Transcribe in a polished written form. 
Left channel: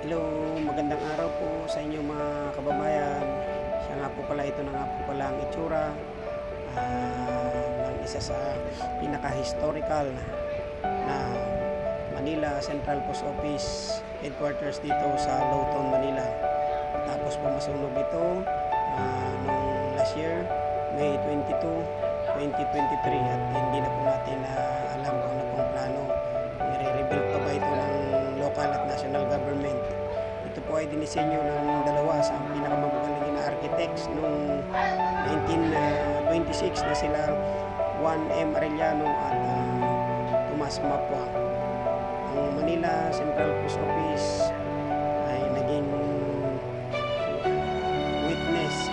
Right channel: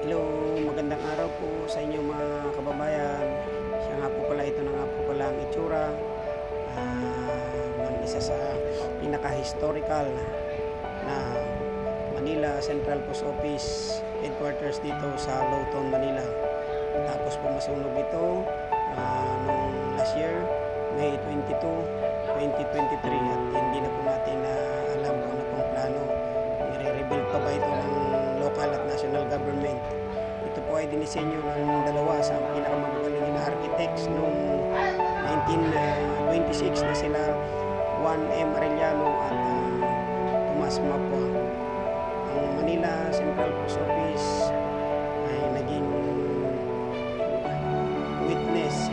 Hello, magandang araw po sa inyo mga kababayan. Siya nga po pala, ito na nga po pala ang itsura ng isa sa pinaka-historical na Manila Central Post Office headquarters dito sa Lowtown, Manila. Tapos po masunog ito nung last year, May 22, 2023 at hindi na po natin alam kung ano pong plano. Nire-rebuild pa ba ito ng local at national government. Ito po ay dinisenyo ng dalawa sa pinakamagaling na architects noong 1926 na sila Juan M. Arellano at Tomas Mapua. Ang Manila Central Post Office ay naging witness